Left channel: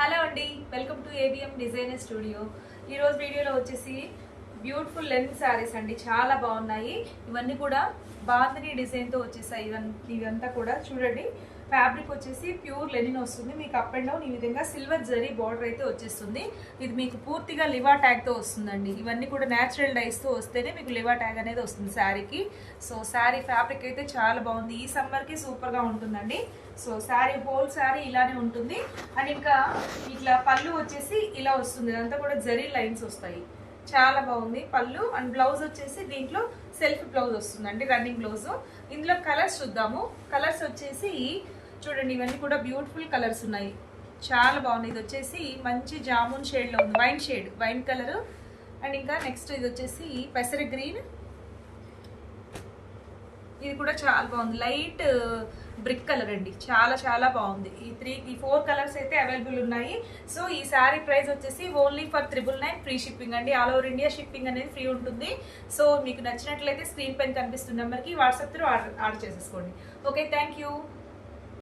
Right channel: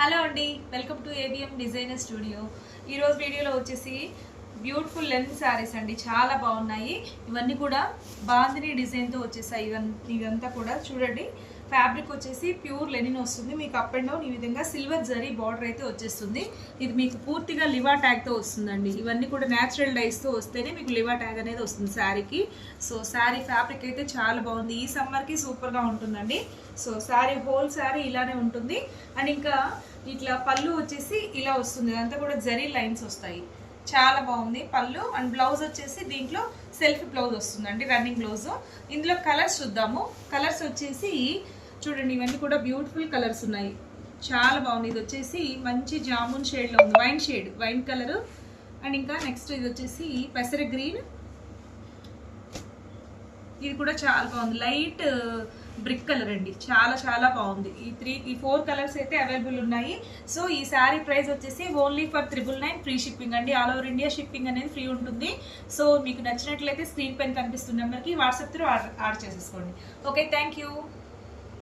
Hello అండి, welcome to ABM designer studio. ఈరోజు వీడియోలో వచ్చేసి బ్యూటిఫుల్ లెనిన్ శారీస్ అండి, చాలా బాగున్నాయి. ఇవన్నీ కూడా బాందిని డిజైన్తో వచ్చేసాయి. ఇదంతా కూడా చూడండి, ఫ్యాబ్రిక్ వచ్చేసి ప్యూర్ లెనిన్ వస్తుంది. మీకు అప్ అండ్ డౌన్ ఈ విధంగా సిల్వర్ జరీ బార్డర్ అయితే వచ్చేస్తుంది. ఇది మీకు పూర్తిగా లివా ట్యాగ్తో వస్తుందండి. ఇవన్నీ కూడా న్యాచురల్ డైస్తో వస్తేనే మీకు లివా ట్యాగ్ అనేది వస్తుంది శారీకి. సో శారీ ఫ్యాబ్రిక్ అయితే చాలా బాగుంది. ఈ సమ్మర్కి సూపర్గా ఉంటుందండి. సో శారీ హోల్ శారీ ఇలానే ఉంటుంది. అండ్ ఇంకా ఇట్లా పళ్ళు వచ్చేసి ఇలా వస్తుంది. ఇదంతా కూడా జరీ లైన్స్ వస్తాయి. చాలా బాగుంది పళ్ళు. అండ్ బ్లౌజ్ వచ్చేసి దీంట్లో సెల్ఫ్ బ్లౌజ్ వస్తుందండి, రన్నింగ్ బ్లౌజ్. ఇందులో కలర్స్ చూద్దాము. కలర్స్ వచ్చేసి చూడండి, ఇవన్నీ కూడా బ్యూటిఫుల్ కలర్స్ ఉన్నాయి, చాలా బాగుంది. ఇది వచ్చేసి మంచి జామున్ షేడ్లో ఉంది, wine shade, wine colour. And ఇంకా నెక్స్ట్ ఇది వచ్చేసి పెసర గ్రీన్. ఇది కూడా చాలా బాగుంది, లైట్ బ్రిక్ కలర్ అండి, చాలా చాలా బాగుంది. ఈ 4 కలర్స్ అయితే అవైలబుల్ ఉన్నాయి. సో ఈ శారీ ప్రైస్ వచ్చేసి ఓన్లీ ఫర్ 999 ఫ్రీ షిప్పింగ్ అండి. ఆల్ ఓవర్ ఇండియా షిప్పింగ్ అనేది ఫ్రీ ఉంటుంది. సో మీకు నచ్చినట్లయితే స్క్రీన్ పైన కనిపిస్తున్న నెంబర్కి వాట్సాప్ త్రూ ఆర్డర్ చేసేసుకోండి. Okay, thank you.